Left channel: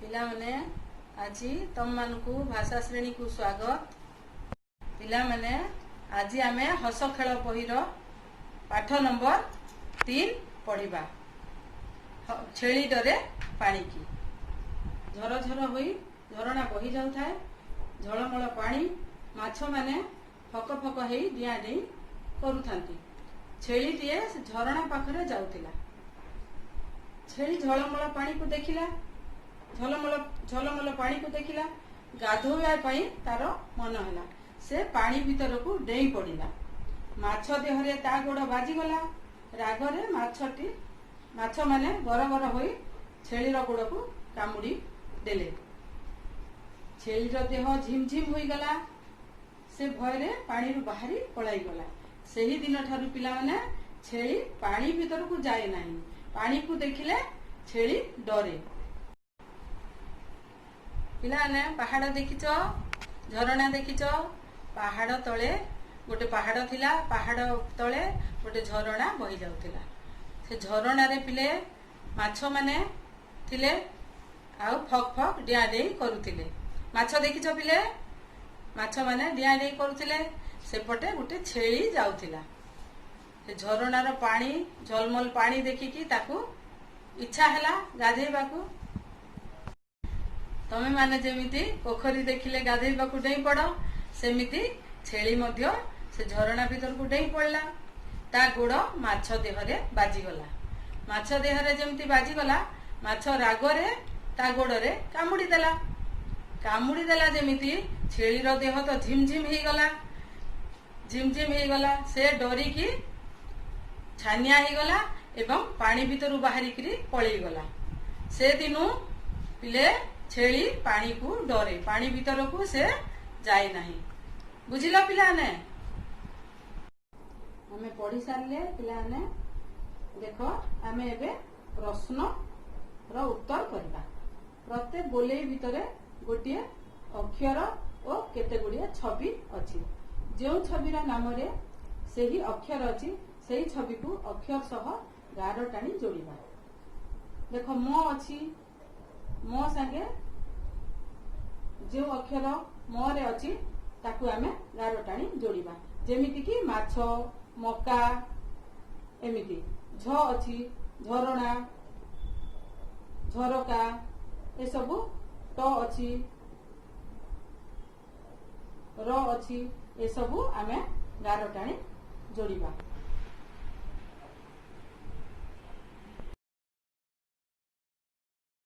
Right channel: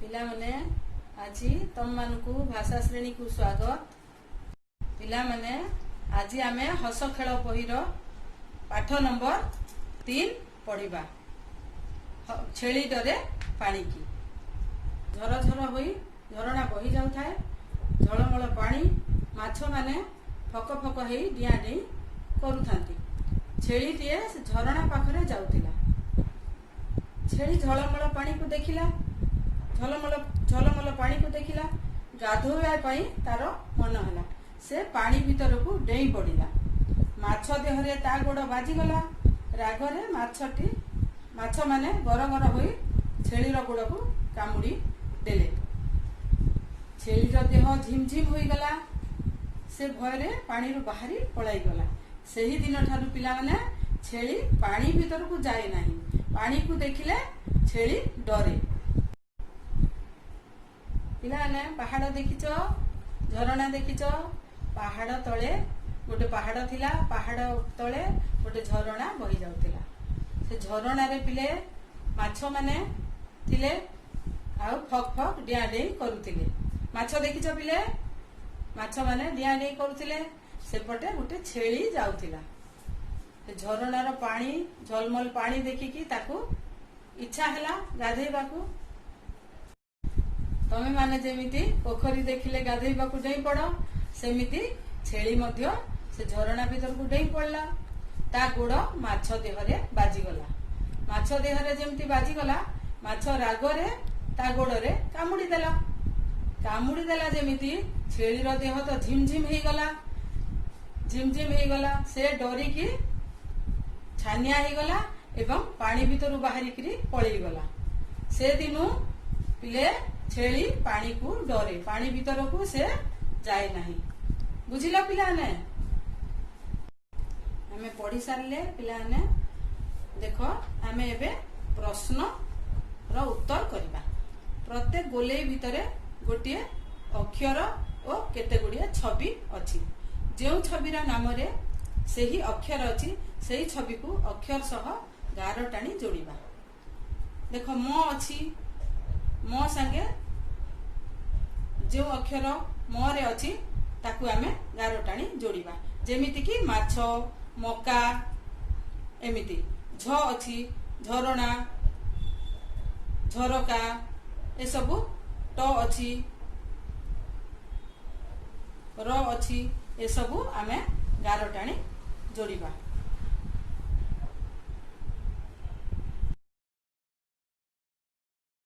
पिला माने आज तुम मानकु भाषा श्रेणी को स्वागत। पिला माने आज आमे हस खेल बहिर पाठ नंबर 3 पढ़िबा। छेली डरे पानी की। झर झर होई झरणा बही जाउथाए। झलमल पानी माछ माने फक फक हेई डिया डेई करूथांती। छेली टीए झरणा पाखरे जाउथिला। छेली झलमल पानी को देखिला। झलमल पानी को देखिला। गाधोइबा पई तार मन होला। से पानी भीतर को डेई पड़िला। माछ देहरे ता गोड़ बाजी गला। रागरे माछ माने गरगर होई छेलीर गोड़ को कामुड़ी देले। छेलीर देह झिमझिम होई गला। से भयरे पानी रु बाहरी पलाई गला। सेही दिन ठारू पिला माने छेली पानी भीतर को जाए नाही। पानी को देखिले छेली डरे। पिला ने पहाड़ देखिच, झरणा देखिच। पहाड़ तले गोटे पहाड़ थिला। पहाड़ तले गोटे झरणा बही जाउथिला। से झरणा रे पिले माछ माने थिले। आउ फक फक डिया डेई करूथिले। माछ देखिच पिले? माछ माने डिया डेई करूथिले। सेपटे गोटे छेली जाउथिला। से झरणार पानी झलमल पानी देखिकी ताकू इच्छा हला गाधेइबाकू। तमे माने जेमिति पोखरी देखिले गाधेइबाकू डेई पड़, सेमिति छेली मध्य से झरणा भीतर को डेई पड़ला। ता गोड़ माछ देहरे बाजीगला। माछ देहरे जेमिति बाजीगला, माछ रागरे ता गोड़रे कामुड़ी देला। कामुड़ी देला जेमिति छेलीर देह तो झिमझिम हेई गला। झिमझिम हेई गला। से डरिकी छानिया हेई गला एवं पानी भीतर बाहरी करी पळेई गला। से दिनु पिले छेली पानी को डरे। पानी भीतर को से जाए नाही। बुझिला पिलाने? आमे पढ़ी सारले पिलाने। देखो आमे एबे प्रश्न रो उत्तर करबा। प्रत्येक गोलेई भितरे गोटिए अक्षर और केते गुड़िए छवि अछि। जेउ छविर नाम रे सेही अक्षर अछि, सेही छवि को अक्षर सह गार टाणी जोड़िबा। देखो म अछि, म संगे जो अक्षर म रे अछि ताकू आमे गार टाणी जोड़िबा। जेमिति कि माछ, मका एमिति। झ अछि झरणा, झरका ए सबु। ट अछि, र अछि ए सबु आमे गार टाणी जोड़िबा।